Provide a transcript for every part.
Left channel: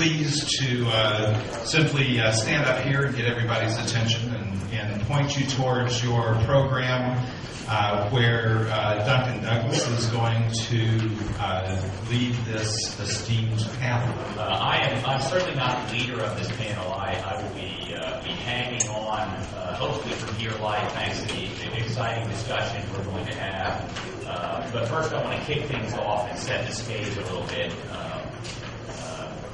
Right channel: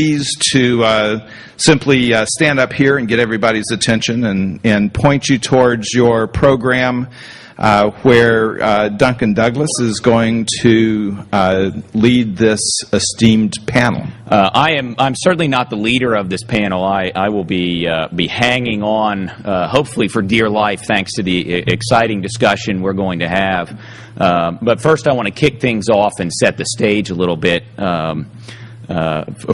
pleased to simply stand up here and get everybody's attention and point you towards your program where Duncan Douglas is going to lead this esteemed panel. I'm certainly not the leader of this panel. I will be hanging on, hopefully for dear life, thanks to the exciting discussion we're going to have. But first, I want to kick things off and set the stage a little bit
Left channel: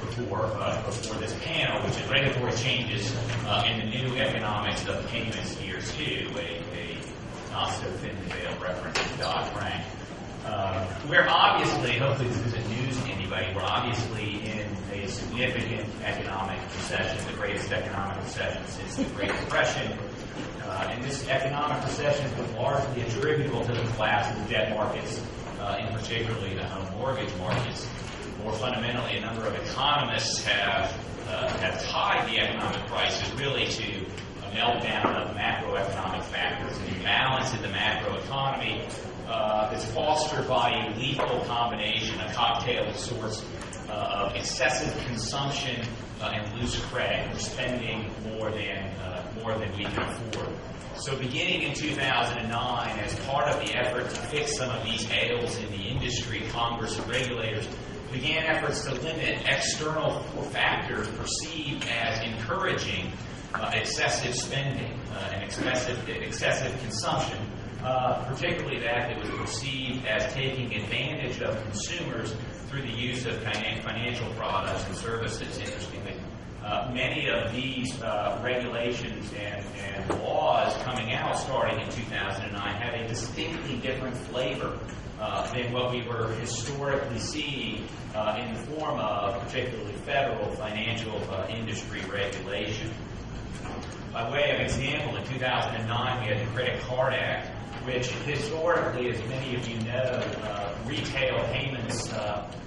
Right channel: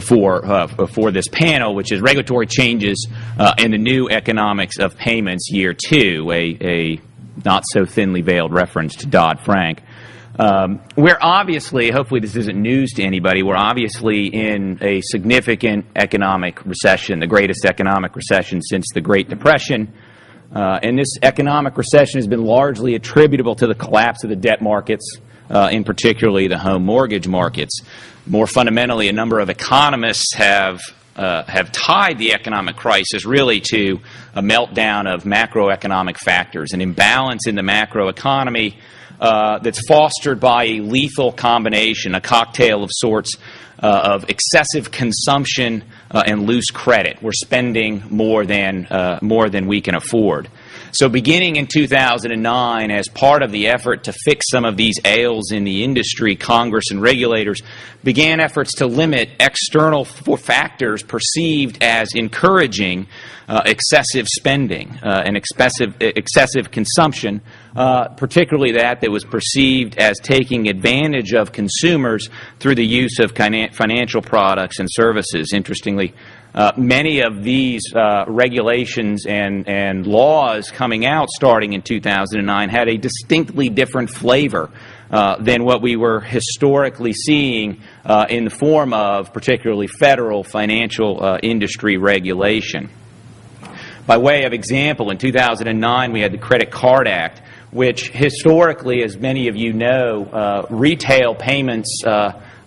for this panel, which is regulatory changes in the new economics of payments, year 2, a not so thinly veiled reference to Dodd-Frank. We're obviously, hopefully this isn't news to anybody, we're obviously in a significant economic recession, the greatest economic recession since the Great Depression. And this economic recession has been largely attributable to the collapse of the debt markets, in particularly the home mortgage markets. More fundamentally, a number of economists have tied the economic crisis really to a meltdown of macroeconomic factors, an imbalance in the macroeconomy that's fostered by a lethal combination, a cocktail of sorts of excessive consumption and loose credit. We're spending more than we can afford. So beginning in 2009, as part of the effort to fix some of these ails in the industry, Congress and regulators began efforts to limit external factors perceived as encouraging excessive spending and excessive consumption, particularly that was perceived as taking advantage of consumers through the use of financial products and services. Interestingly, many of these regulations and laws coming out starting in 2009 had a distinctly different flavor than what we were historically seeing in the form of particularly federal financial industry regulation. By way of example, in 2009 we had the Credit Card Act, which historically, as many of you know, retail payments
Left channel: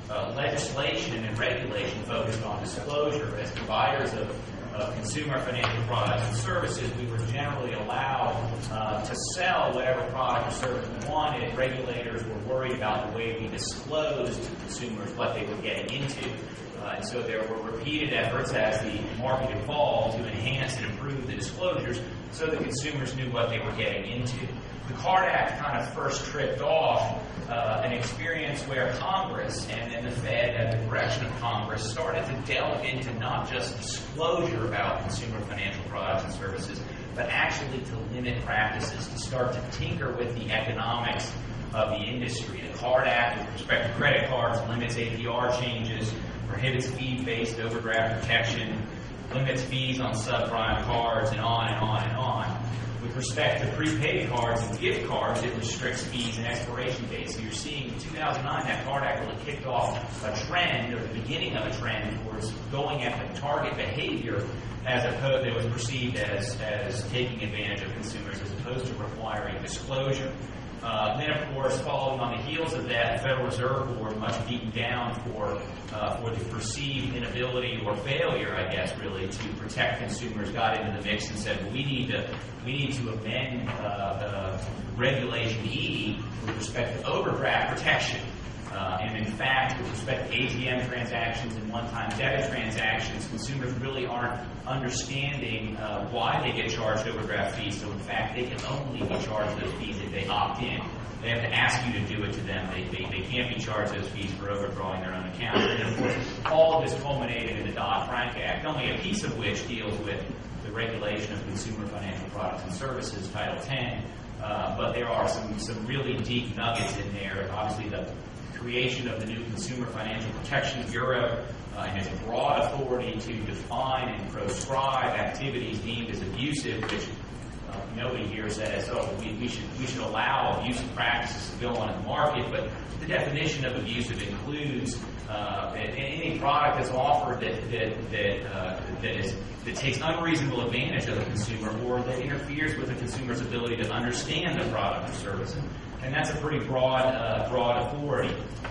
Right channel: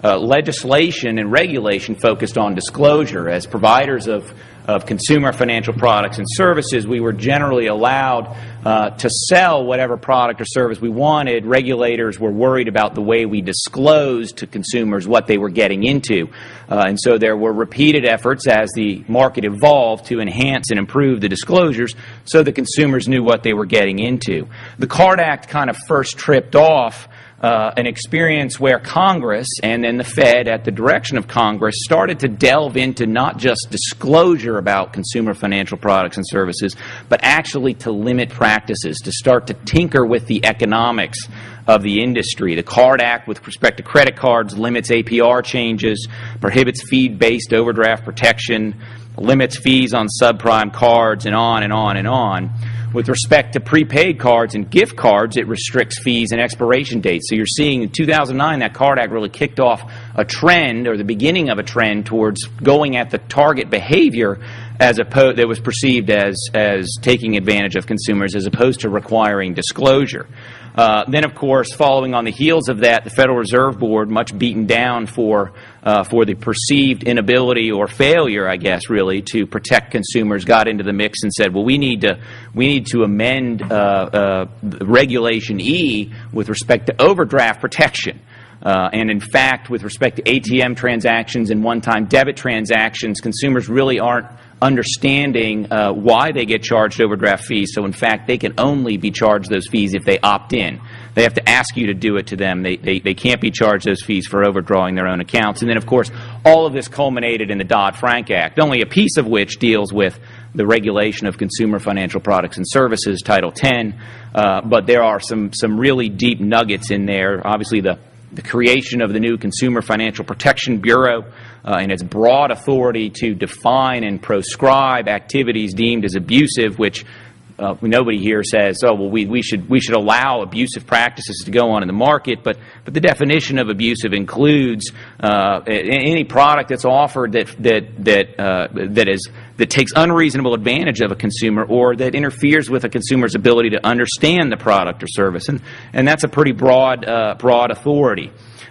legislation and regulation focused on disclosure. As providers of consumer financial products and services, we were generally allowed to sell whatever product or service we wanted. Regulators were worried about the way we disclosed to consumers what they were getting into. And so there were repeated efforts as the market evolved to enhance and improve the disclosures so the consumers knew what they were getting into. The Card Act kind of first tripped off an experience where Congress and then the Fed, at the direction of Congress, started to delve into not just disclosure about consumer financial products and services, but actually to limit practices, to start to tinker with the economics of the industry. The Card Act, with respect to credit cards, limits APR changes, prohibits fee-based overdraft protection, limits fees on subprime cards, and on and on and on. With respect to prepaid cards and gift cards, it restricts fees and expiration dates. So you're seeing in 2009 that Card Act really kicked off a trend, or the beginning of a trend, towards going at the target behavior as opposed that was perceived as taking advantage of consumers as opposed to requiring disclosure. Then, of course, following on the heels of that, the Federal Reserve Board, much beaten down for the perceived inability or failure, I guess, really, to protect consumers, got into the mix and said, well, we need to amend Regulation E with respect to overdraft protection. And in fact, with respect to ATM transactions and one-time debit transactions, consumers really aren't understanding why they get charged overdraft fees. So in fact, they can only be charged those fees if they opt in. They have to ask you to do it to them. They can't be charged those fees for overdrawing their own accounts. And then, of course, all of this culminated in the Dodd-Frank Act, only a piece of which deals with the regulation of consumer financial products and services, Title X. But there are some really deep nuggets in there. Obviously, the creation of the new Consumer Financial Protection Bureau and its broad authority to define and proscribe activities deemed as abusive, which nobody here says, oh, well, we should allow abusive practices to go on in the market, but the definition of abusive includes any product that's offered that takes unreasonable advantage of a consumer or that interferes with a consumer's ability to understand the product or service, and that's a pretty broad authority.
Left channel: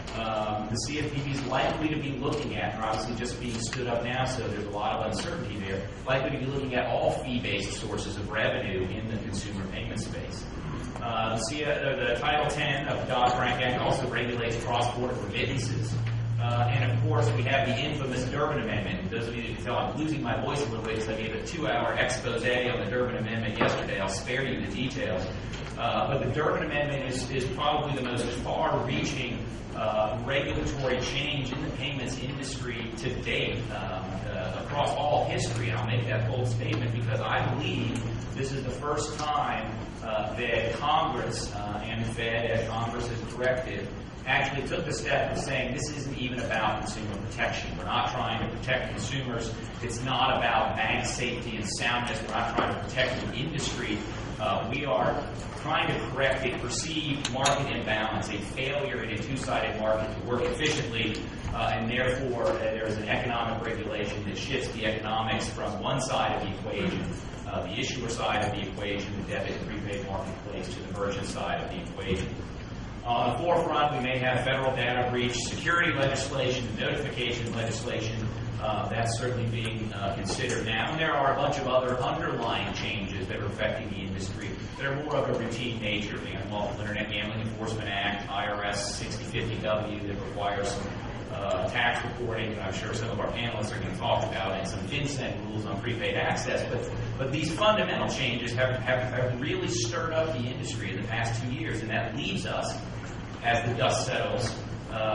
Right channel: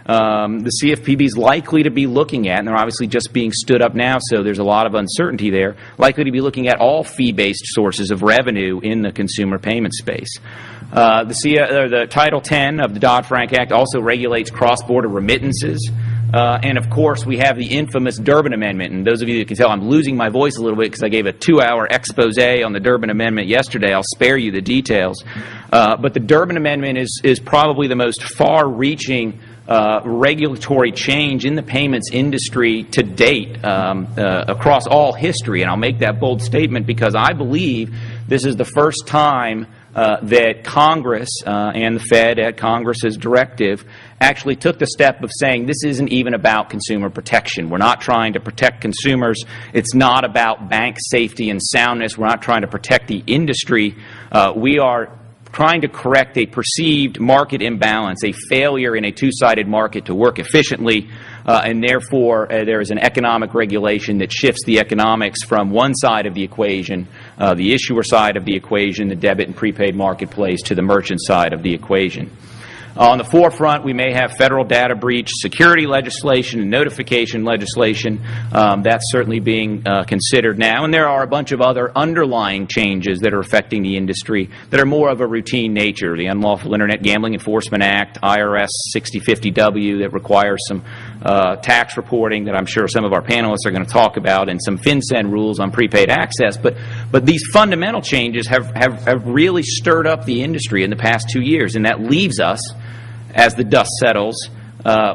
The CFPB is likely to be looking at, and they're obviously just being stood up now, so there's a lot of uncertainty there, likely to be looking at all fee-based sources of revenue in the consumer payment space. The Title X of the Dodd-Frank Act also regulates cross-border remittances. And of course, we have the infamous Durbin Amendment. And those of you that can tell, I'm losing my voice a little bit because I gave a 2-hour expose on the Durbin Amendment yesterday. I'll spare you the details. But the Durbin Amendment is probably the most far-reaching regulatory change in the payments industry to date across all history. And I'll make that bold statement because I believe this is the first time that Congress and the Fed, at Congress's directive, actually took the step of saying this isn't even about consumer protection. We're not trying to protect consumers. It's not about bank safety and soundness. We're not trying to protect the industry. We are trying to correct a perceived market imbalance, a failure in a two-sided market to work efficiently, and therefore there is an economic regulation that shifts the economics from one side of the equation, the issuer side of the equation, the debit and prepaid marketplace, to the merchant side of the equation. On the forefront, we may have federal data breach, security legislation, notification legislation. That's certainly being considered now. And there are a bunch of other underlying changes that are affecting the industry that are more of a routine nature. The Unlawful Internet Gambling Enforcement Act, IRS 6050W that requires some tax reporting that I'm sure some of our panelists are going to talk about, and some FinCEN rules on prepaid access. But these fundamental changes have really stirred up the industry in the past 2 years, and that leaves us, as the dust settles,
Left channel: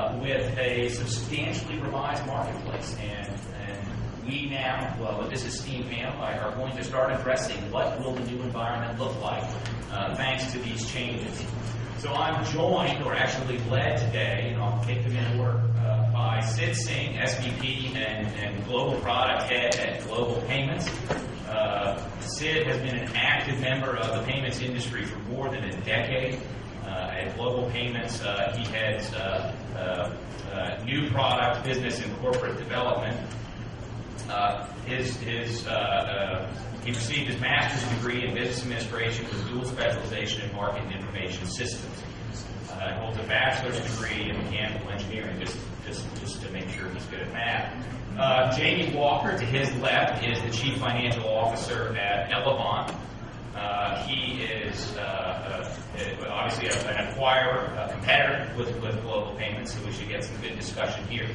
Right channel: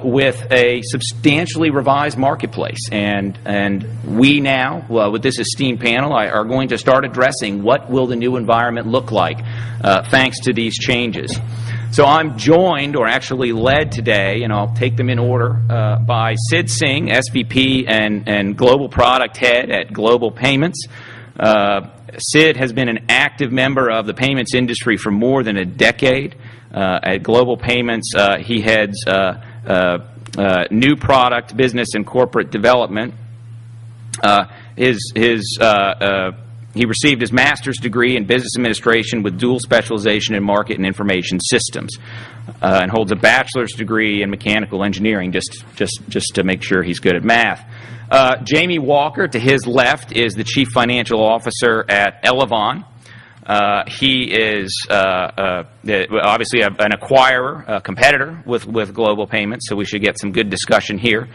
with a substantially revised marketplace. And we now, with this esteemed panel, are going to start addressing what will the new environment look like thanks to these changes. So I'm joined, or actually led today, and I'll take them in order, by Singh, SVP and Global Product Head at Global Payments. Sid has been an active member of the payments industry for more than a decade. At Global Payments, he heads new product, business, and corporate development. He received his master's degree in business administration with dual specialization in market and information systems, and holds a bachelor's degree in mechanical engineering, just to make sure he's good at math. Jamie Walker, to his left, is the chief financial officer at Elavon. He is obviously an acquirer, a competitor with Global Payments, so we should get some good discussion here.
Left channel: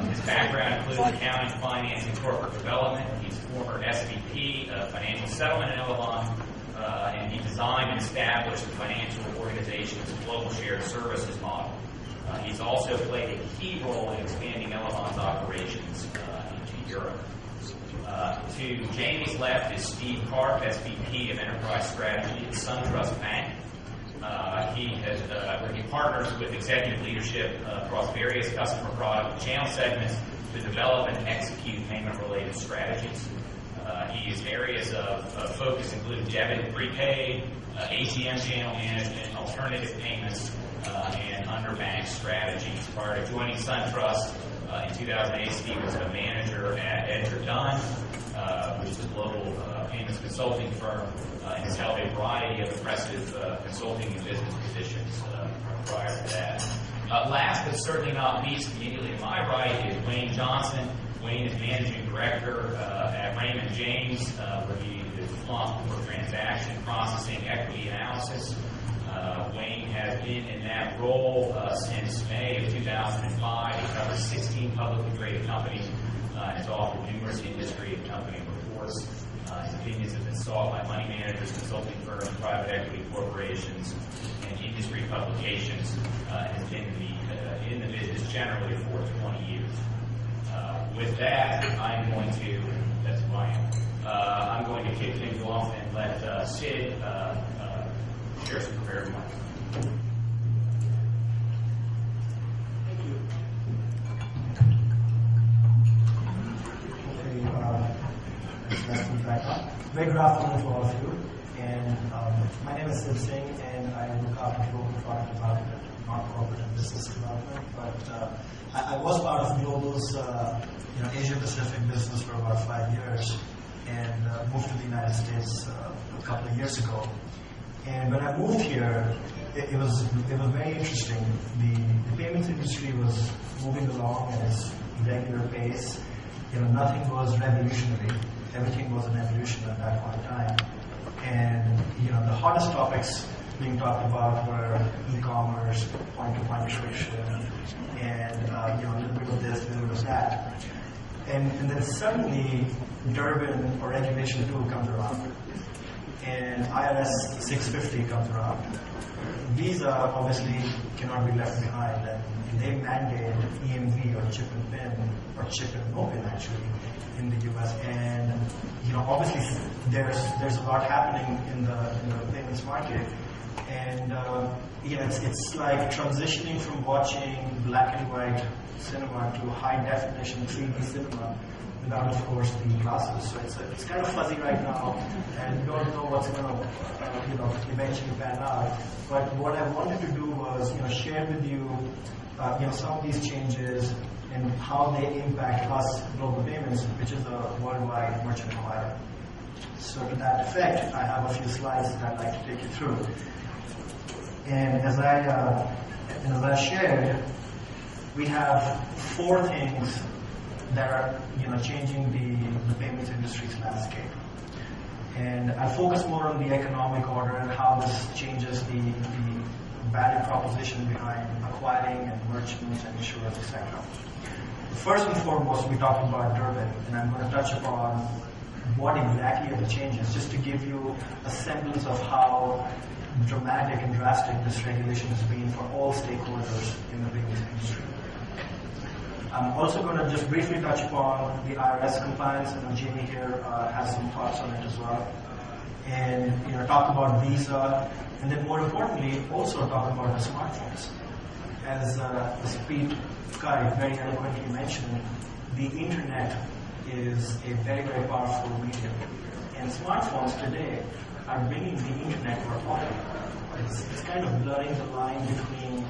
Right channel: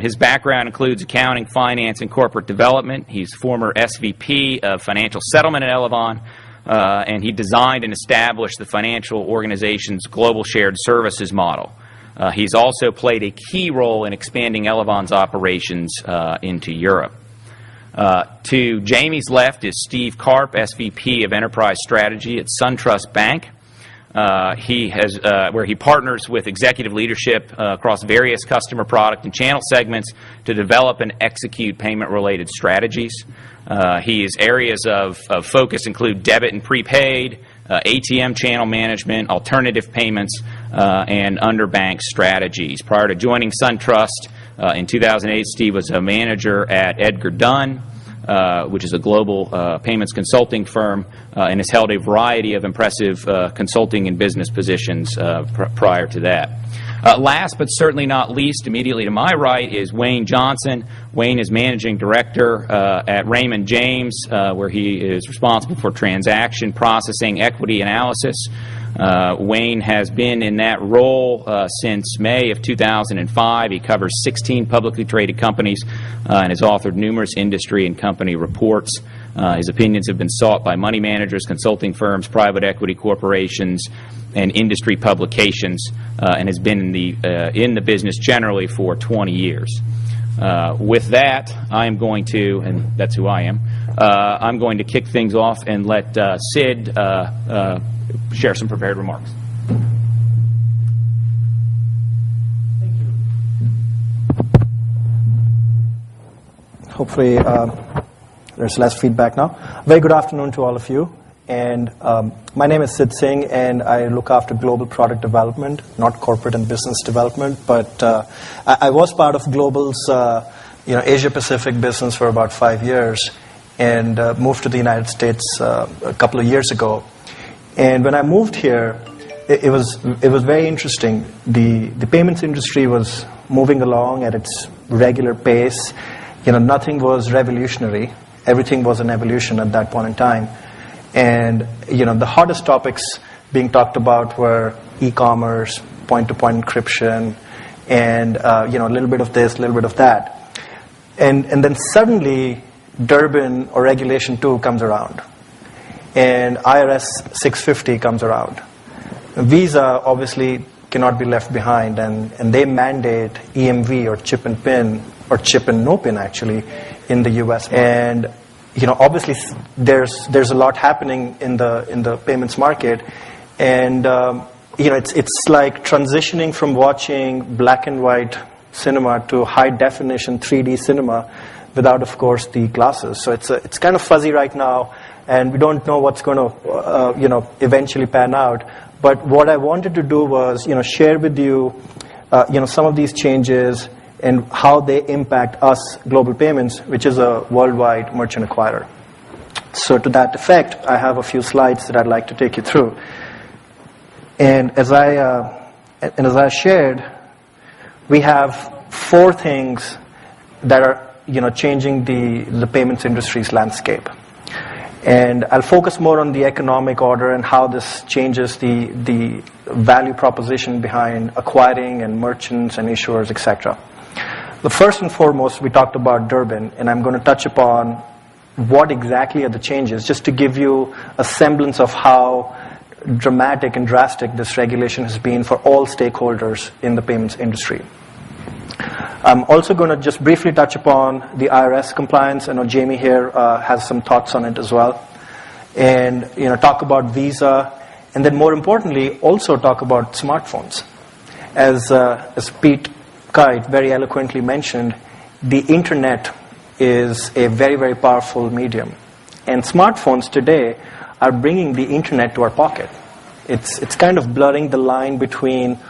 His background includes accounting, finance, and corporate development. He's former SVP of financial settlement at Elavon, and he designed and established the financial organization's global shared services model. He's also played a key role in expanding Elavon's operations into Europe. To Jamie's left is Steve Karp, SVP of Enterprise Strategy at SunTrust Bank. Where he partners with executive leadership across various customer product and channel segments to develop and execute payment-related strategies. His areas of focus include debit and prepaid, ATM channel management, alternative payments, and underbank strategies. Prior to joining SunTrust, in 2008, Steve was a manager at Edgar Dunn, which is a global payments consulting firm, and has held a variety of impressive consulting and business positions prior to that. Last but certainly not least, immediately to my right, is Wayne Johnson. Wayne is managing director at Raymond James, where he is responsible for transaction processing, equity analysis. Wayne has been in that role since May of 2005. He covers 16 publicly traded companies and has authored numerous industry and company reports. His opinions have been sought by money managers, consulting firms, private equity corporations, and industry publications, and has been in the business generally for 20 years. With that, I am going to, and that's who I am, I'm going to kick things off and let Sid share some prepared remarks. Hopefully there's less feedback now. Very good afternoon to all of you. And my name is Sid Singh, and I look after global product development, not corporate and business development. But I was part of Global's Asia Pacific business for about 5 years, and moved to the United States a couple of years ago. And when I moved here, it was very interesting. The payments industry was moving along at its regular pace. Nothing was revolutionary. Everything was an evolution at that point in time. And the hottest topics being talked about were e-commerce, point-to-point encryption, and a little bit of this, a little bit of that. And then suddenly, Durbin or Regulation 2 comes around, and IRS 650 comes around. Visa obviously cannot be left behind, and they mandate EMV or chip and pin, or chip and no pin actually, in the US. And obviously there's a lot happening in the payments market, and it's like transitioning from watching black and white cinema to high definition 3D cinema without, of course, the glasses. So it's kind of fuzzy right now, and we don't know what's going to eventually pan out. But what I wanted to do was share with you some of these changes and how they impact us, Global Payments, which is a worldwide merchant acquirer. So to that effect, I have a few slides that I'd like to take you through. And as I shared, we have 4 things that are changing the payments industry's landscape. And I'll focus more on the economic order and how this changes the value proposition behind acquiring and merchants and issuers, etc. The first and foremost, we talked about Durbin, and I'm going to touch upon what exactly are the changes, just to give you a semblance of how dramatic and drastic this regulation has been for all stakeholders in the payments industry. I'm also going to just briefly touch upon the IRS compliance. I know Jamie here has some thoughts on it as well. And talk about Visa, and then more importantly, also talk about smartphones. As Pete Kite very eloquently mentioned, the internet is a very, very powerful medium. And smartphones today are bringing the internet to our pocket. It's kind of blurring the line between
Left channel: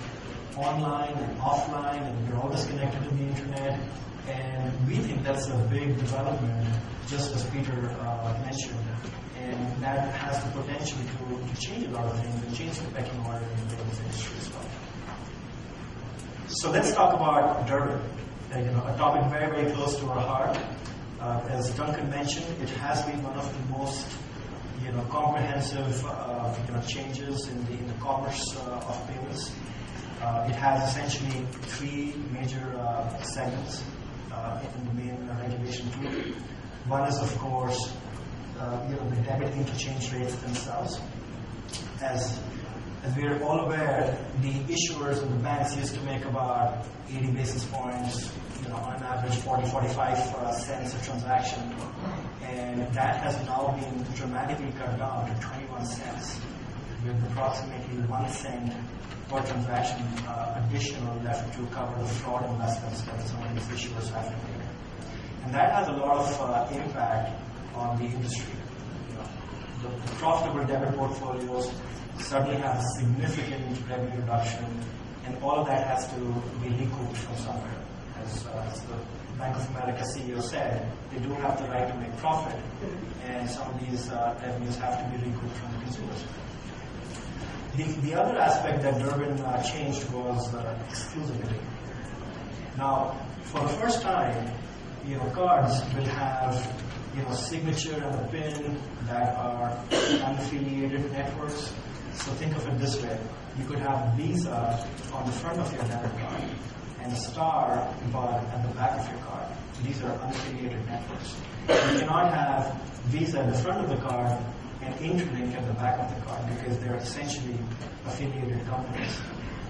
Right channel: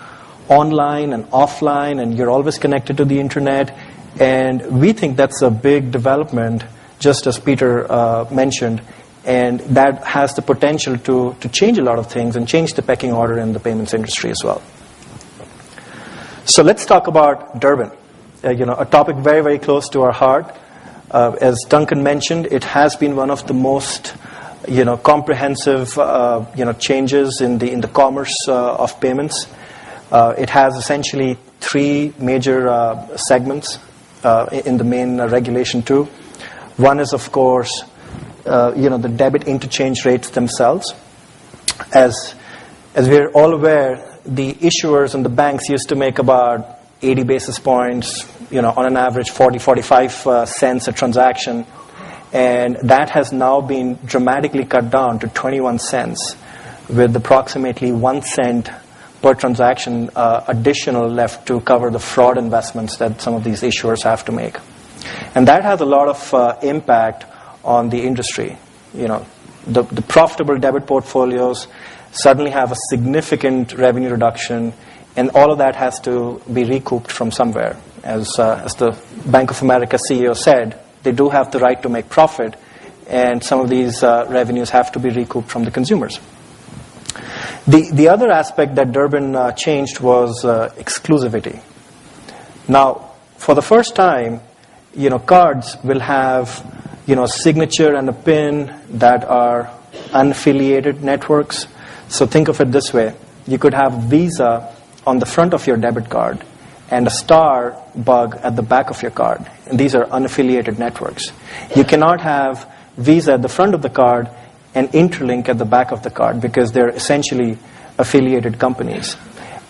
online and offline, and you're always connected to the internet. And we think that's a big development, just as Peter mentioned, and that has the potential to change a lot of things and change the pecking order in the payments industry as well. So let's talk about Durbin, a topic very, very close to our heart. As Duncan mentioned, it has been one of the most comprehensive changes in the commerce of payments. It has essentially 3 major segments in the main Regulation 2. One is, of course, the debit interchange rates themselves. As we're all aware, the issuers and the banks used to make about 80 basis points, on an average 45 cents a transaction. And that has now been dramatically cut down to 21 cents, with approximately 1 cent per transaction additional left to cover the fraud investments that some of these issuers have to make. And that has a lot of impact on the industry. The profitable debit portfolios suddenly have a significant revenue reduction, and all of that has to be recouped from somewhere. As the Bank of America CEO said, they do have the right to make profit, and some of these revenues have to be recouped from the consumers. The other aspect that Durbin changed was exclusivity. Now, for the first time, cards will have a signature and a PIN that are unaffiliated networks. So think of it this way: you could have Visa on the front of your debit card and a star bug at the back of your card, and these are unaffiliated networks. You cannot have Visa at the front of the card and Interlink at the back of the card, because they're essentially affiliated companies.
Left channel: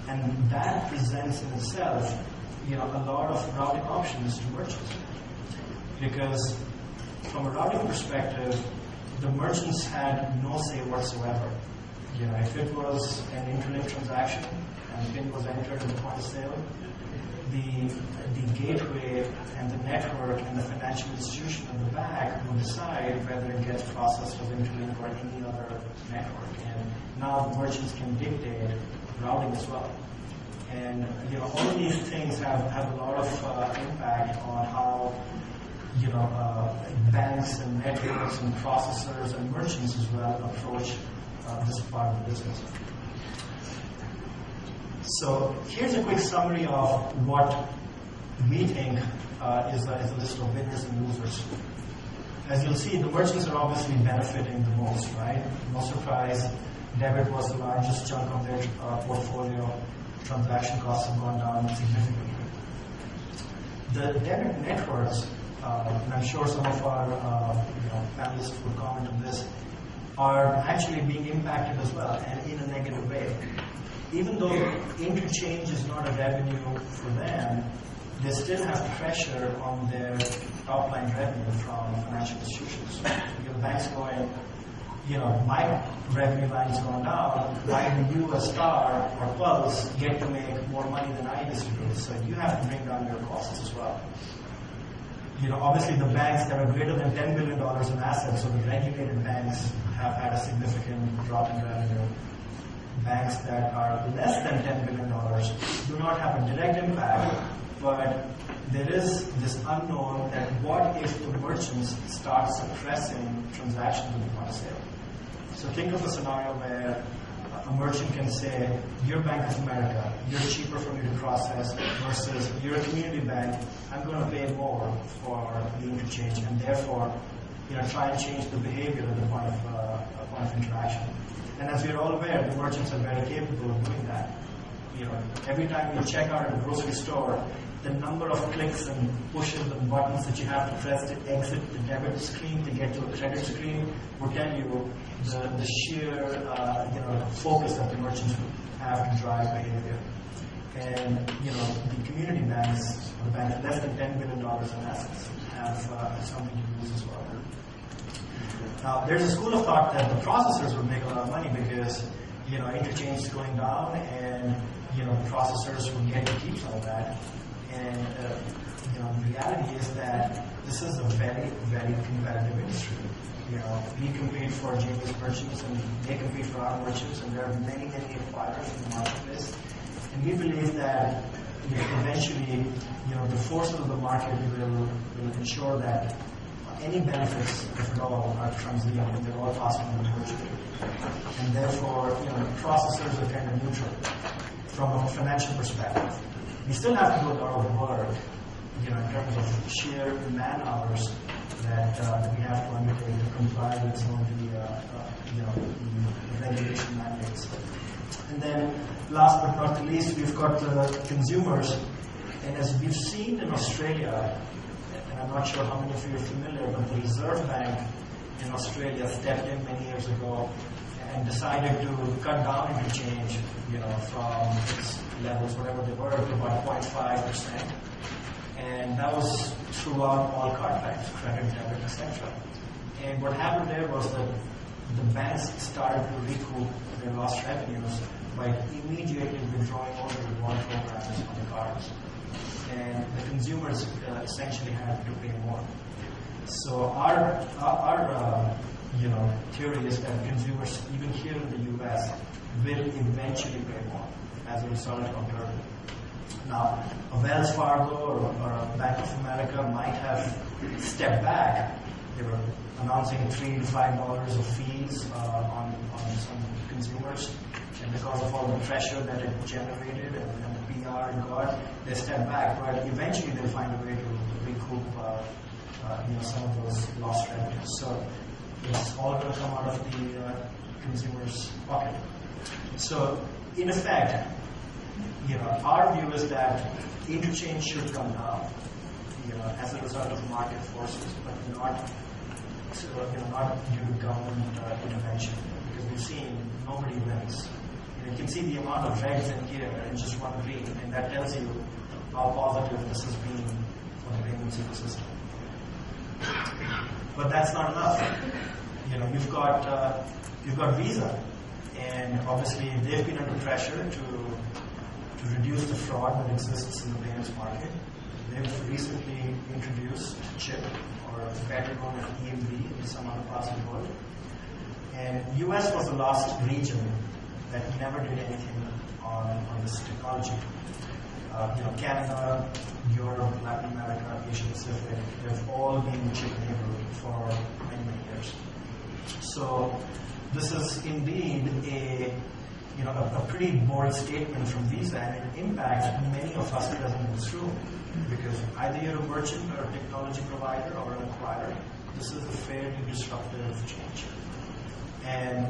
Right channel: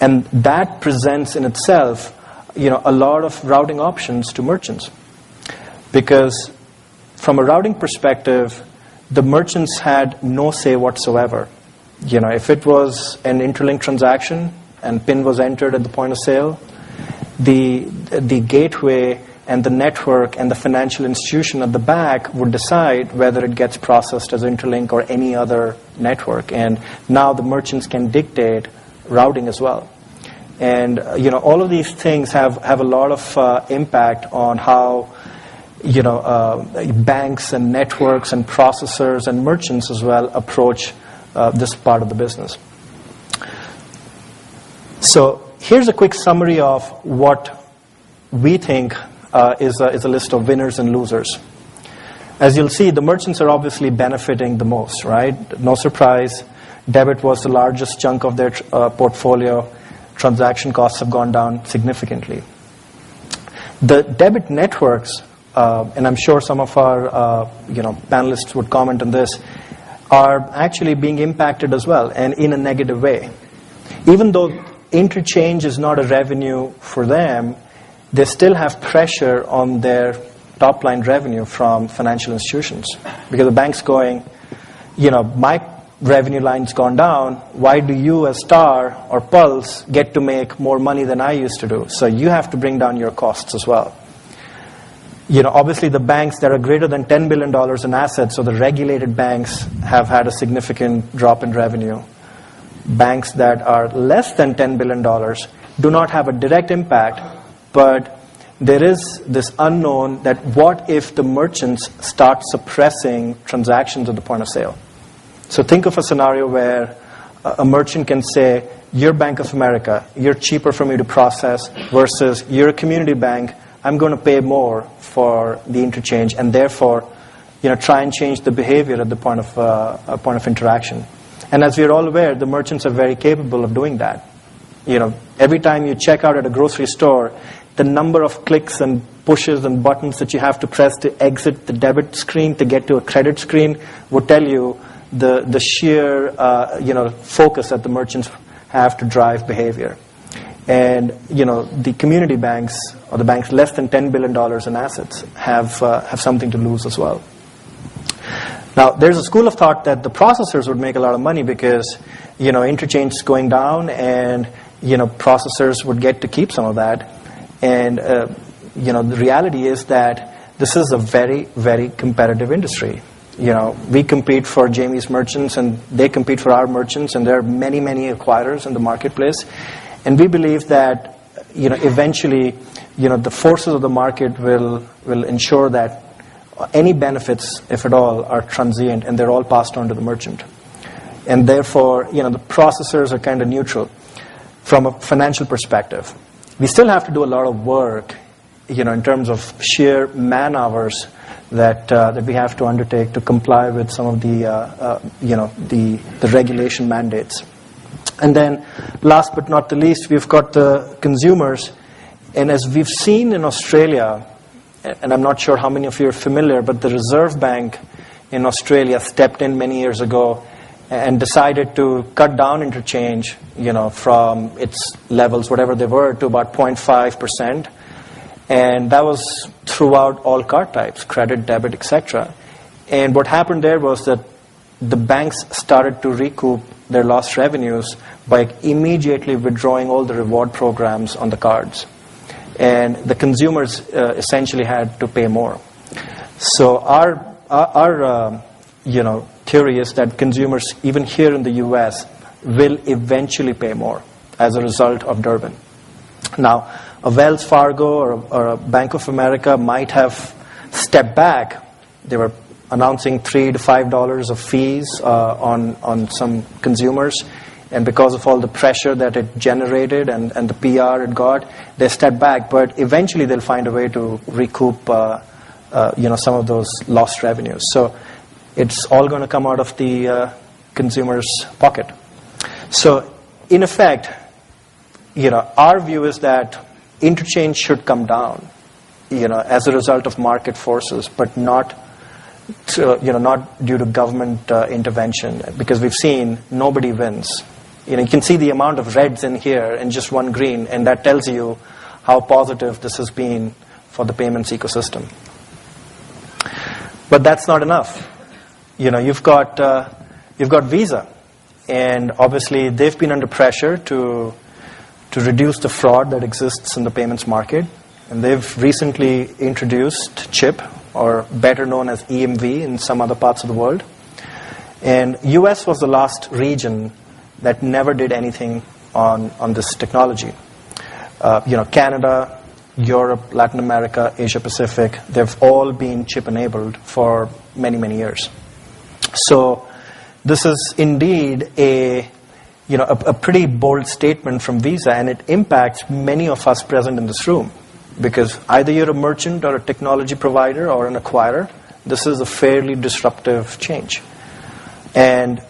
And that presents in itself a lot of routing options to merchants, because from a routing perspective, the merchants had no say whatsoever. If it was an Interlink transaction and PIN was entered at the point of sale, the gateway and the network and the financial institution at the back would decide whether it gets processed as Interlink or any other network. And now the merchants can dictate routing as well. And all of these things have a lot of impact on how banks and networks and processors and merchants as well approach this part of the business. So here's a quick summary of what we think is a list of winners and losers. As you'll see, the merchants are obviously benefiting the most, right? No surprise. Debit was the largest chunk of their portfolio. transaction costs have gone down significantly. The debit networks, and I'm sure some of our panelists would comment on this, are actually being impacted as well, and in a negative way. Even though interchange is not a revenue for them, they still have pressure on their top line revenue from financial institutions. Because the bank's going, my revenue line's gone down, why do you as Star or Pulse get to make more money than I used to do? So you have to bring down your costs as well. Obviously the banks that are greater than $10 billion in assets, so the regulated banks, have had a significant drop in revenue. Banks that are less than $10 billion do not have a direct impact, but there is this unknown that what if the merchants start suppressing transactions at the point of sale? So think of a scenario where a merchant can say, you're Bank of America, you're cheaper for me to process, versus you're a community bank, I'm going to pay more for the interchange, and therefore try and change the behavior at the point of interaction. And as we're all aware, the merchants are very capable of doing that. Every time you check out at a grocery store, the number of clicks and pushes and buttons that you have to press to exit the debit screen to get to a credit screen would tell you the sheer focus that the merchants have to drive behavior. And the community banks, or the banks less than $10 billion in assets, have something to lose as well. Now, there's a school of thought that the processors would make a lot of money because interchange is going down, and processors would get to keep some of that. And the reality is that this is a very, very competitive industry. We compete for Jamie's merchants, and they compete for our merchants, and there are many, many acquirers in the marketplace. And we believe that eventually the forces of the market will ensure that any benefits, if at all, are transient, and they're all passed on to the merchant. And therefore, the processors are kind of neutral from a financial perspective. We still have to do a lot of work, in terms of sheer man hours that we have to undertake to comply with some of the regulation mandates. And then, last but not the least, we've got the consumers. And as we've seen in Australia, and I'm not sure how many of you are familiar, but the Reserve Bank in Australia stepped in many years ago and decided to cut down interchange, from its levels, whatever they were, to about 0.5%. And that was throughout all card types, credit, debit, etc. And what happened there was that the banks started to recoup their lost revenues by immediately withdrawing all the reward programs on the cards. And the consumers essentially had to pay more. So our theory is that consumers, even here in the U.S., will eventually pay more as a result of Durbin. Now, a Wells Fargo or a Bank of America might have stepped back. They were announcing $3 to $5 of fees on some consumers. And because of all the pressure that it generated and the PR it got, they stepped back. But eventually they'll find a way to recoup some of those lost revenues. So it's all going to come out of the consumer's pocket. So in effect, our view is that interchange should come down, as a result of market forces, but not due to government intervention, because we've seen nobody wins. You can see the amount of reds in here and just one green, and that tells you how positive this has been for the payments ecosystem. But that's not enough. You've got Visa, and obviously they've been under pressure to reduce the fraud that exists in the payments market, and they've recently introduced chip, or better known as EMV in some other parts of the world. And US was the last region that never did anything on this technology. Canada, Europe, Latin America, Asia Pacific, they've all been chip enabled for many, many years. So this is indeed a pretty bold statement from Visa, and it impacts many of us present in this room. Because either you're a merchant or a technology provider or an acquirer, this is a fairly disruptive change. And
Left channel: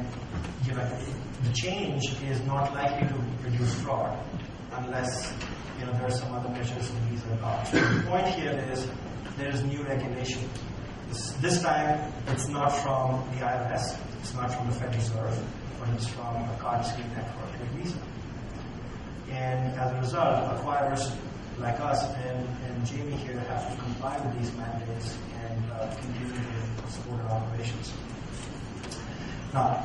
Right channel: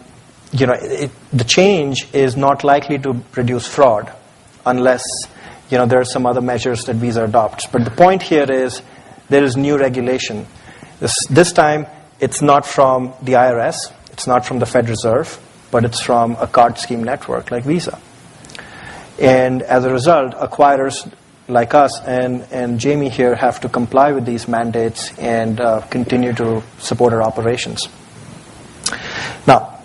the change is not likely to reduce fraud. unless there are some other measures that Visa adopts. But the point here is there is new regulation. This time, it's not from the IRS, it's not from the Fed Reserve, but it's from a card scheme network like Visa. And as a result, acquirers like us and Jamie here have to comply with these mandates and continue to support our operations. Now,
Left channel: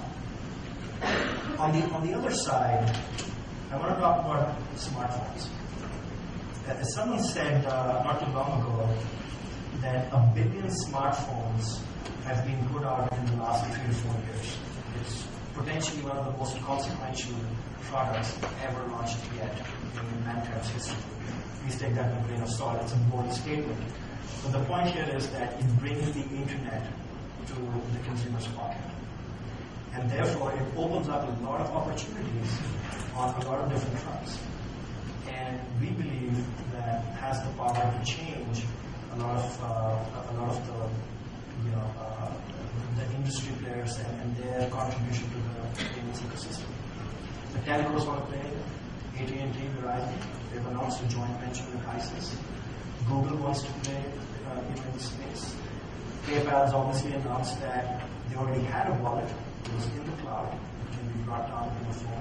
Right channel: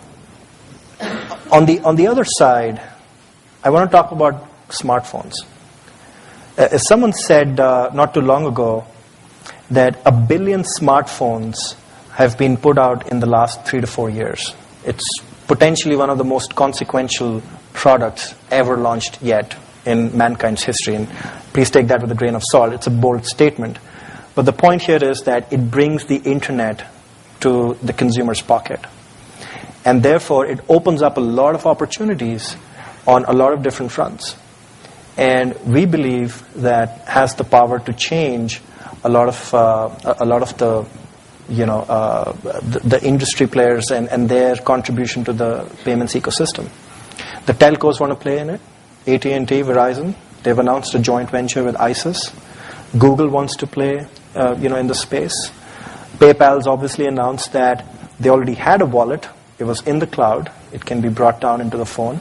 on the other side, I want to talk about smartphones. As someone said not too long ago, that 1 billion smartphones have been put out in the last 3 to 4 years. It's potentially one of the most consequential products ever launched yet in mankind's history. And please take that with a grain of salt. It's a bold statement. But the point here is that it brings the internet to the consumer's pocket. And therefore, it opens up a lot of opportunities on a lot of different fronts. And we believe that has the power to change a lot of the industry players and their contribution to the payments ecosystem. The telcos want to play in it. AT&T, Verizon, they've announced a joint venture with ISIS. Google wants to play, in the space. PayPal's obviously announced that they already had a wallet. It was in the cloud. It can be brought down into the phone.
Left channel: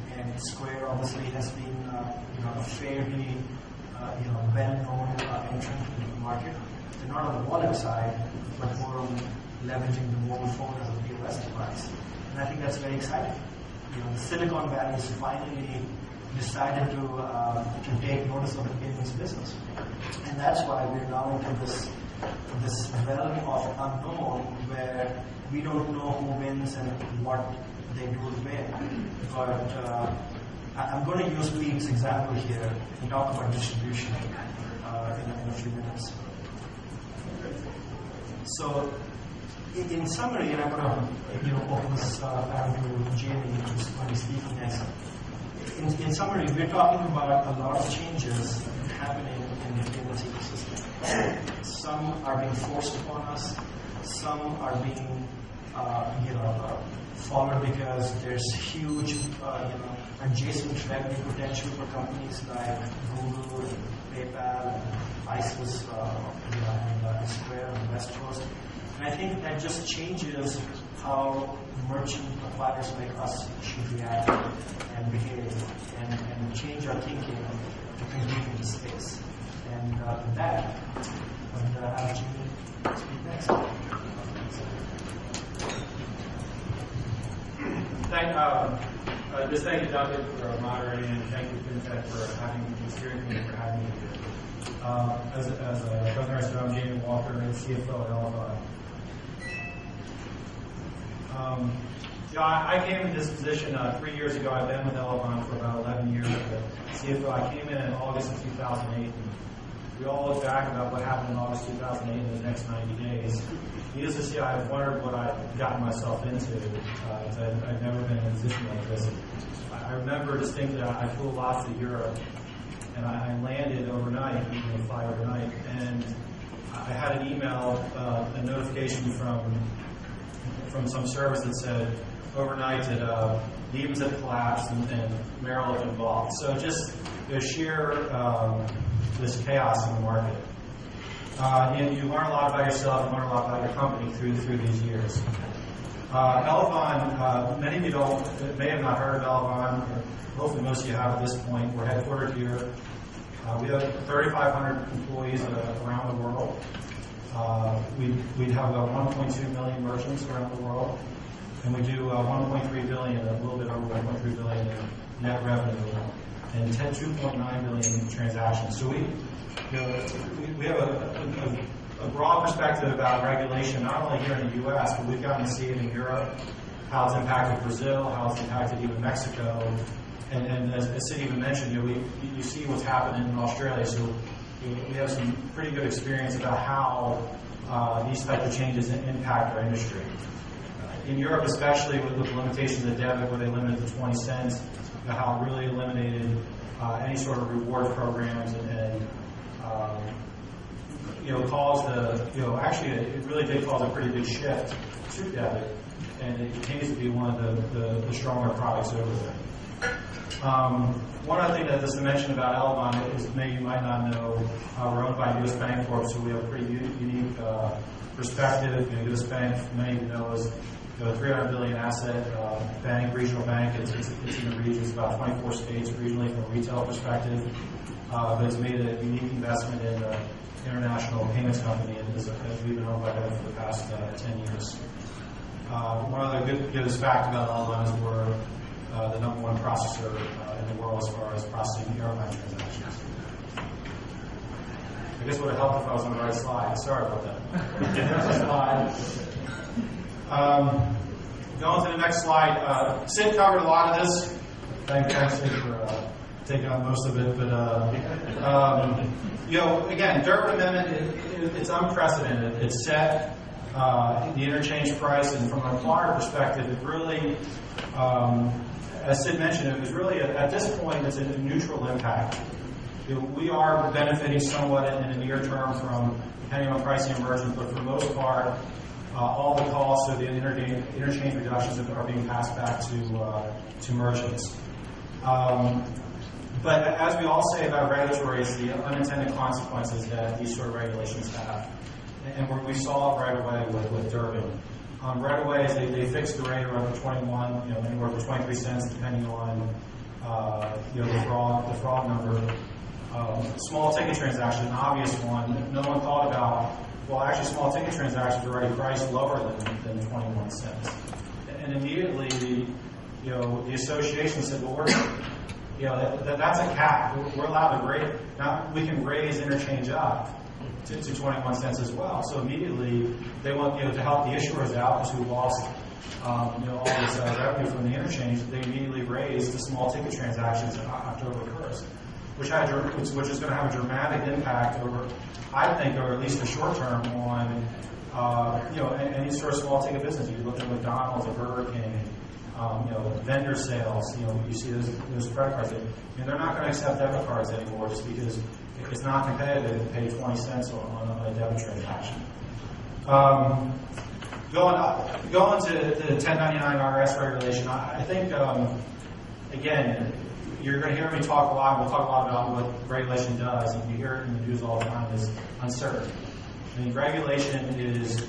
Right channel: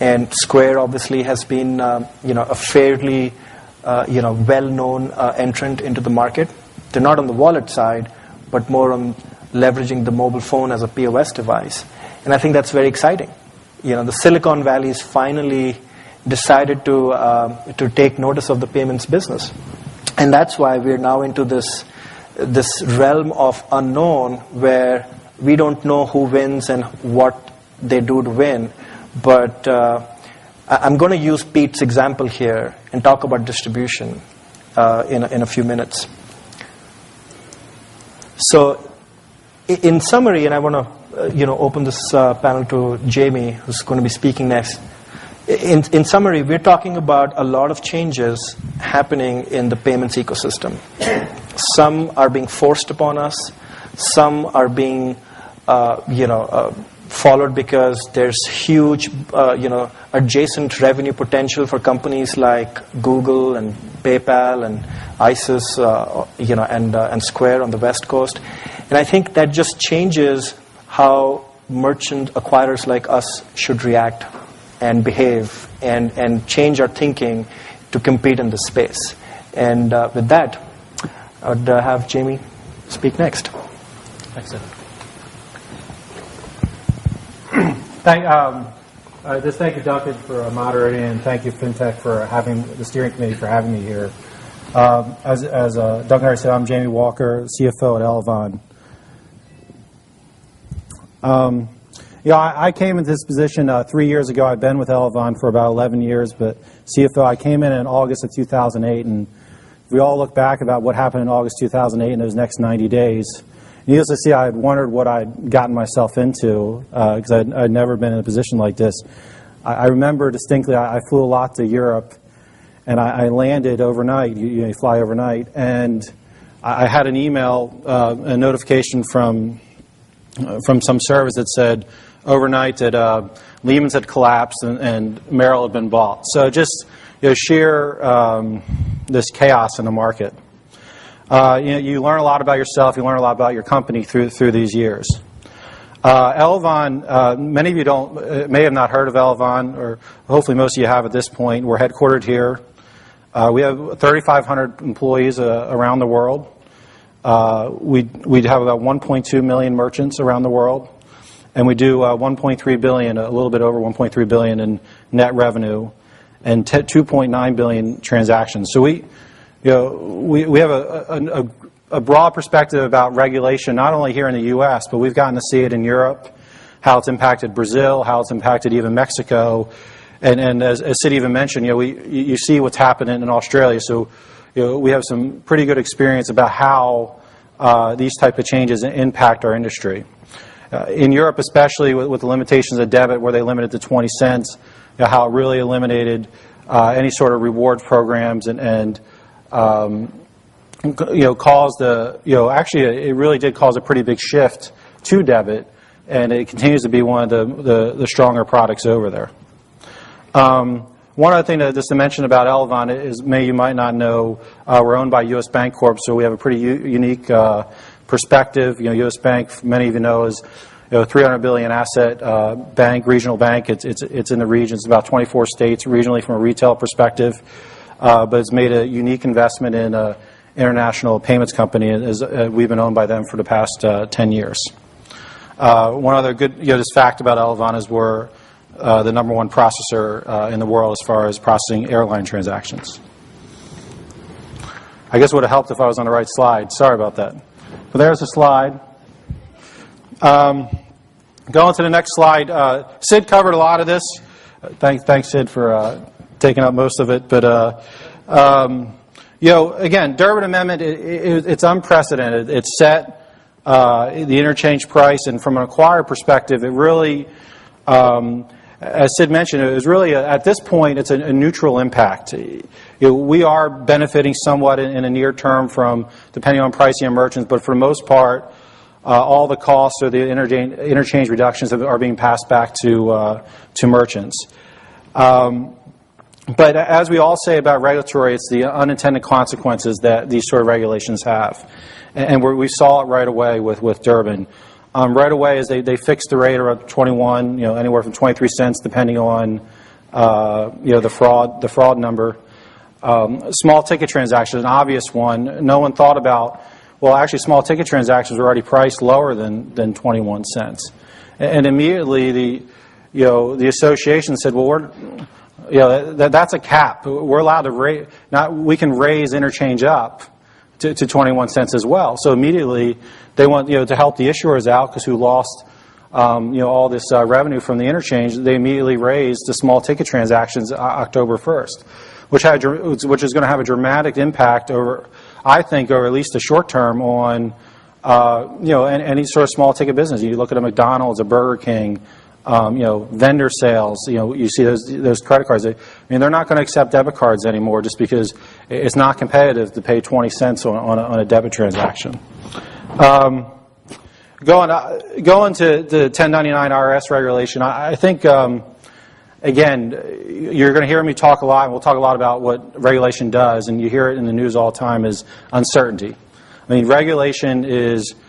And Square obviously has been, a fairly, well-known entrant into the market. They're not on the wallet side, but more on leveraging the mobile phone as a POS device. And I think that's very exciting. The Silicon Valley has finally decided to take notice of the payments business. And that's why we're now into this realm of unknown where we don't know who wins and what they do to win. But I'm going to use Pete's example here and talk about distribution in a few minutes. So, in summary, and I want to open this panel to Jamie, who's going to be speaking next. In summary, we're talking about a lot of changes happening in the payments ecosystem. Some are being forced upon us. Some are being, followed because there's huge, adjacent revenue potential for companies like Google and PayPal and ISIS, and Square on the West Coast. And I think that just changes how merchant acquirers like us should react and behave and change our thinking to compete in this space. And with that, I would have Jamie speak next. Excellent. Just thank you, Duncan, for moderating, and thank you, FinTech, for having the steering committee for having me here. As Duncan already said, I'm Jamie Walker, CFO at Elavon. I came into this position 3 years ago. I've been with Elavon for about 11 years, but CFO, I came in August of 2008, and if we all look back about what happened in August 2008 in those next 90 days, needless to say, I had wondered what I'd gotten myself into because I'd never been in a position like this. I remember distinctly, I flew a lot to Europe, and I landed overnight. You fly overnight, and I had an email, a notification from some service that said overnight that Lehman's had collapsed and Merrill had been bought. So just sheer this chaos in the market. You learn a lot about yourself. You learn a lot about your company through these years. Elavon, many of you may have not heard of Elavon, or hopefully most of you have at this point. We're headquartered here. We have 3,500 employees around the world. We have about 1.2 million merchants around the world, and we do 1.3 billion, a little bit over 1.3 billion in net revenue, and 2.9 billion transactions. So we have a broad perspective about regulation, not only here in the U.S., but we've gotten to see it in Europe, how it's impacted Brazil, how it's impacted even Mexico, and as Sid even mentioned, you see what's happening in Australia. So we have some pretty good experience about how these type of changes impact our industry. In Europe, especially with the limitations of debit, where they limited to 20 cents, how it really eliminated any sort of reward programs and caused actually it really did cause a pretty big shift to debit, and it continues to be one of the stronger products over there. One other thing just to mention about Elavon is, you might not know, we're owned by U.S. Bank Corp, so we have a pretty unique perspective. U.S. Bank, many of you know, is $300 billion asset bank, regional bank. It's in the region. It's about 24 states regionally from a retail perspective, but it's made a unique investment in an international payments company. We've been owned by them for the past 10 years. One other good just fact about Elavon is we're the number one processor in the world as far as processing airline transactions. I guess it would have helped if I was on the right slide. Sorry about that. But there's the slide. Going to the next slide. Sid covered a lot of this. Thanks, Sid, for taking up most of it. But again, Durbin Amendment, it's unprecedented. It set the interchange price, and from an acquirer perspective, it really, as Sid mentioned, it was really at this point it's a neutral impact. We are benefiting somewhat in the near term from depending on pricing of merchants, but for the most part, all the costs or the interchange reductions are being passed back to merchants. But as we all say about regulatory, it's the unintended consequences that these sort of regulations have. And we saw it right away with Durbin. Right away, as they fixed the rate around 21, anywhere from 23 cents, depending on the fraud number. Small ticket transactions, an obvious one. No one thought about. Well, actually, small ticket transactions are already priced lower than 21 cents, and immediately the association said, well, that's a cap. We're allowed to raise. We can raise interchange up to 21 cents as well. So immediately they want to help the issuers out because who lost all this revenue from the interchange. They immediately raised the small ticket transactions October 1st, which is going to have a dramatic impact over at least the short term on any sort of small ticket business. You look at a McDonald's, a Burger King. Vendor sales, you see those credit cards. They're not going to accept debit cards anymore just because it's not competitive to pay 20 cents on a debit transaction. Going to the 1099 IRS regulation, I think, again, you're going to hear me talk a lot, and we'll talk a lot about what regulation does, and you hear it in the news all the time, is uncertainty. Regulation is...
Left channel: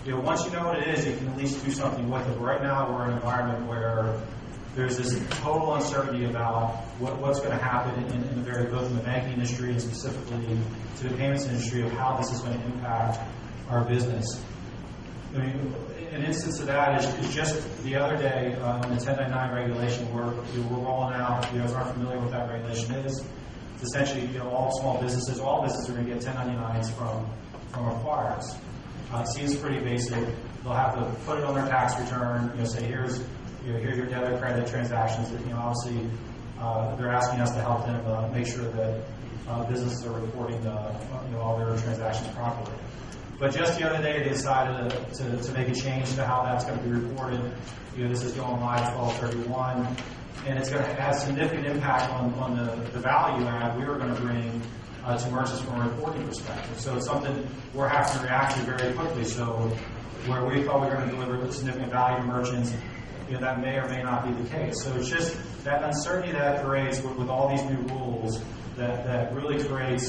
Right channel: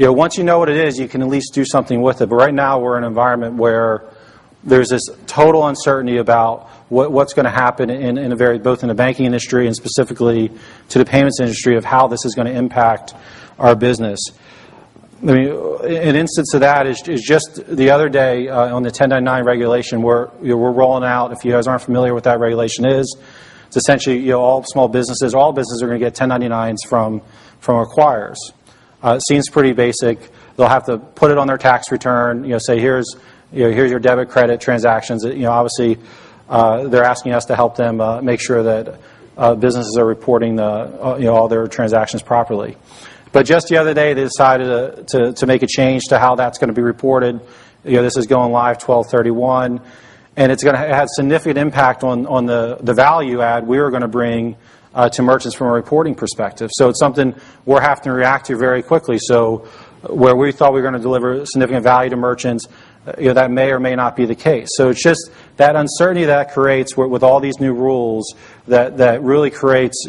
once you know what it is, you can at least do something with it. But right now, we're in an environment where there's this total uncertainty about what's going to happen both in the banking industry and specifically to the payments industry of how this is going to impact our business. An instance of that is just the other day on the 1099 regulation, we're rolling out. If you guys aren't familiar with what that regulation is, it's essentially all businesses are going to get 1099s from acquirers. It seems pretty basic. They'll have to put it on their tax return. Say here's your debit credit transactions. Obviously, they're asking us to help them make sure that businesses are reporting all their transactions properly. But just the other day, they decided to make a change to how that's going to be reported. This is going live 12/31, and it's going to have significant impact on the value add we were going to bring to merchants from a reporting perspective. So it's something we're having to react to very quickly. So where we thought we were going to deliver significant value to merchants, that may or may not be the case. So it's just that uncertainty that creates with all these new rules that really creates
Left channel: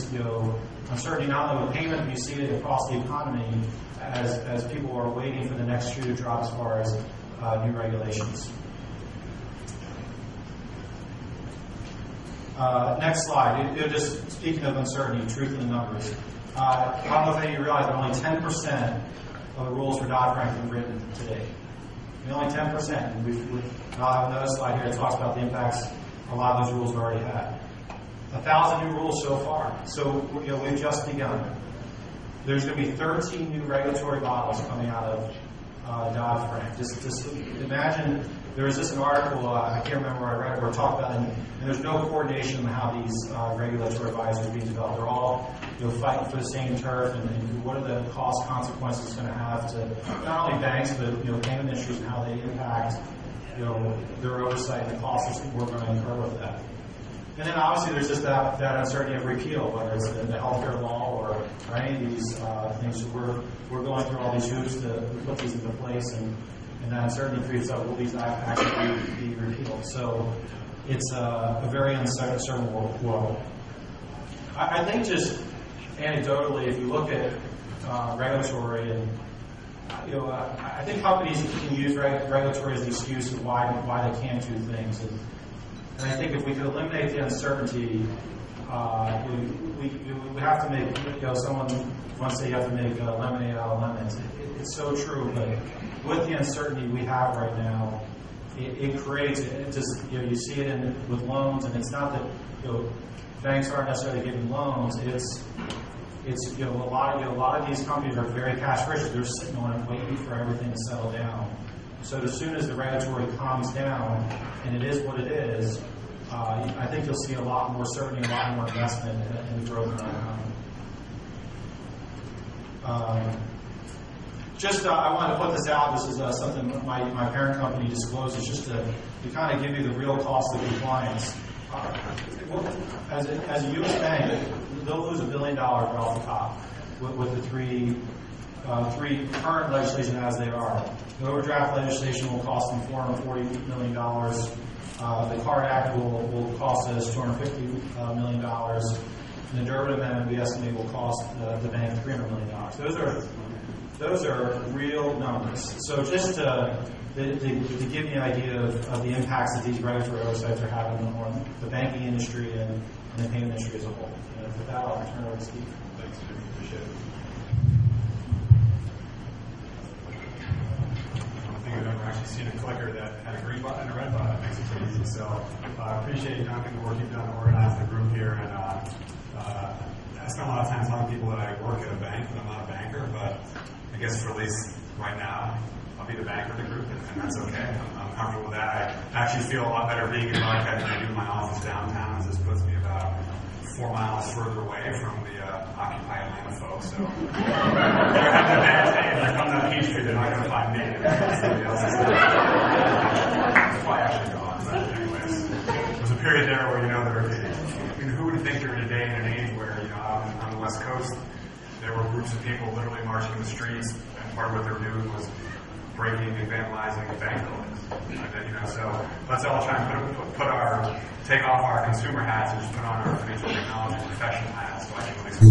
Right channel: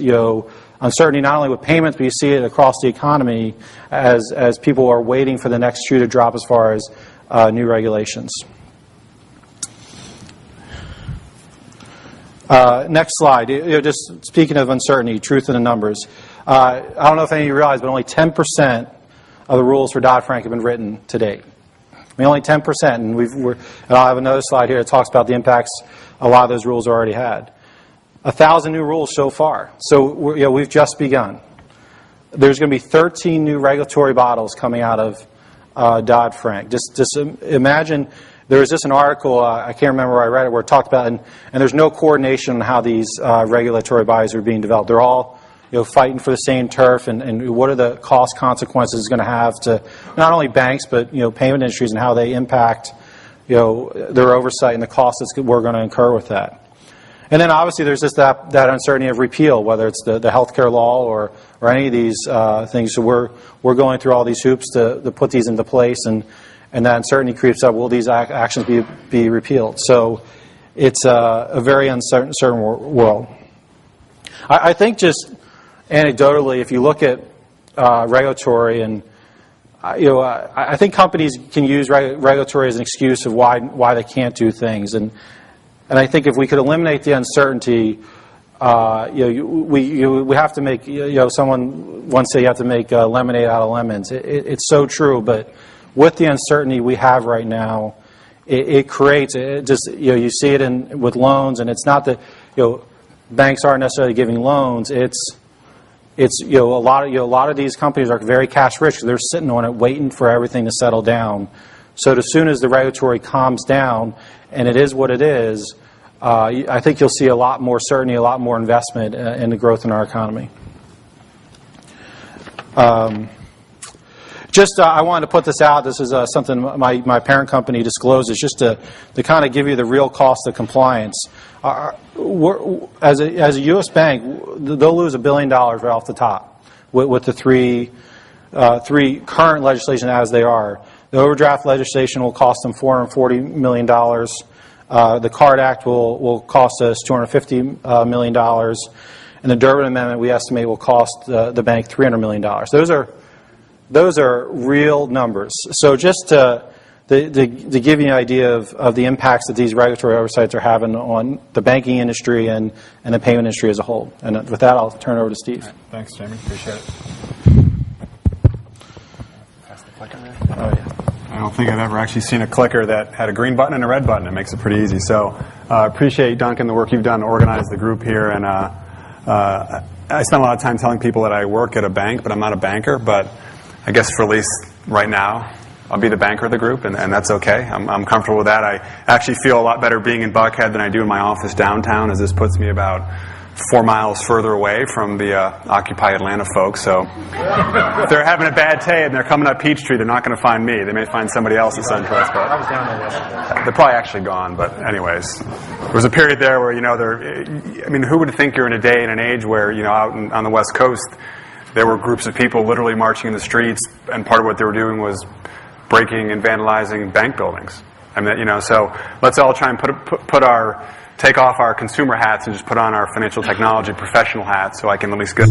uncertainty not only with payments, but you see it across the economy as people are waiting for the next shoe to drop as far as new regulations. Next slide. Just speaking of uncertainty, truth in the numbers. I don't know if any of you realize, but only 10% of the rules for Dodd-Frank have been written to date. Only 10%. And I'll have another slide here that talks about the impacts a lot of those rules already had. 1,000 new rules so far. So we've just begun. There's going to be 13 new regulatory bottles coming out of Dodd-Frank. Just imagine. There was just an article, I can't remember where I read it, where it talked about, and there's no coordination on how these regulatory bodies are being developed. They're all fighting for the same turf, and what are the cost consequences going to have to not only banks, but payment industries and how they impact their oversight and the costs that we're going to incur with that. And then obviously there's just that uncertainty of repeal, whether it's the healthcare law or any of these things. So we're going through all these hoops to put these into place, and that uncertainty creeps up. Will these actions be repealed? So it's a very uncertain world. I think just anecdotally, if you look at regulatory and I think companies can use regulatory as an excuse of why they can't do things, and I think if we could eliminate the uncertainty, we have to make, someone once said you have to make lemonade out of lemons. It's so true, but with the uncertainty we have right now, it creates you see it with loans, and it's not that banks aren't necessarily giving loans. It's a lot of these companies are very cash rich. They're sitting on it, waiting for everything to settle down. So as soon as the regulatory calms down, and it is what it is, I think you'll see a lot more certainty, a lot more investment in the growth in our economy. I wanted to put this out. This is something my parent company discloses, just to kind of give you the real cost of compliance. As a U.S. bank, they'll lose $1 billion right off the top with the three current legislation as they are. The overdraft legislation will cost them $440 million. The Card Act will cost us $250 million. And the Durbin Amendment, we estimate, will cost the bank $300 million. Those are real numbers. So just to give you an idea of the impacts that these regulatory oversights are having on the banking industry and the payment industry as a whole. And with that, I'll turn it over to Steve. Thanks, Jamie. Appreciate it. I don't think I've ever actually seen a clicker that had a green button and a red button. It makes it pretty easy. So I appreciate, Duncan, the work you've done to organize the group here. And I spend a lot of time telling people that I work at a bank, but I'm not a banker. But I guess for at least right now, I'll be the banker of the group, and that's okay. I'm comfortable with that. I actually feel a lot better being in Buckhead than I do in my office downtown, as this puts me about 4 miles further away from the Occupy Atlanta folks. So if they're having a bad day and they're coming up Peachtree, they're not going to find me. They may find somebody else in SunTrust. But they're probably actually gone. But anyways, there was a period there where, who would think you're in a day and an age where, out on the West Coast, there were groups of people literally marching in the streets, and part of what they were doing was breaking and vandalizing bank buildings. So let's all try and take off our consumer hats and just put on our financial technology professional hats, so I can at least go.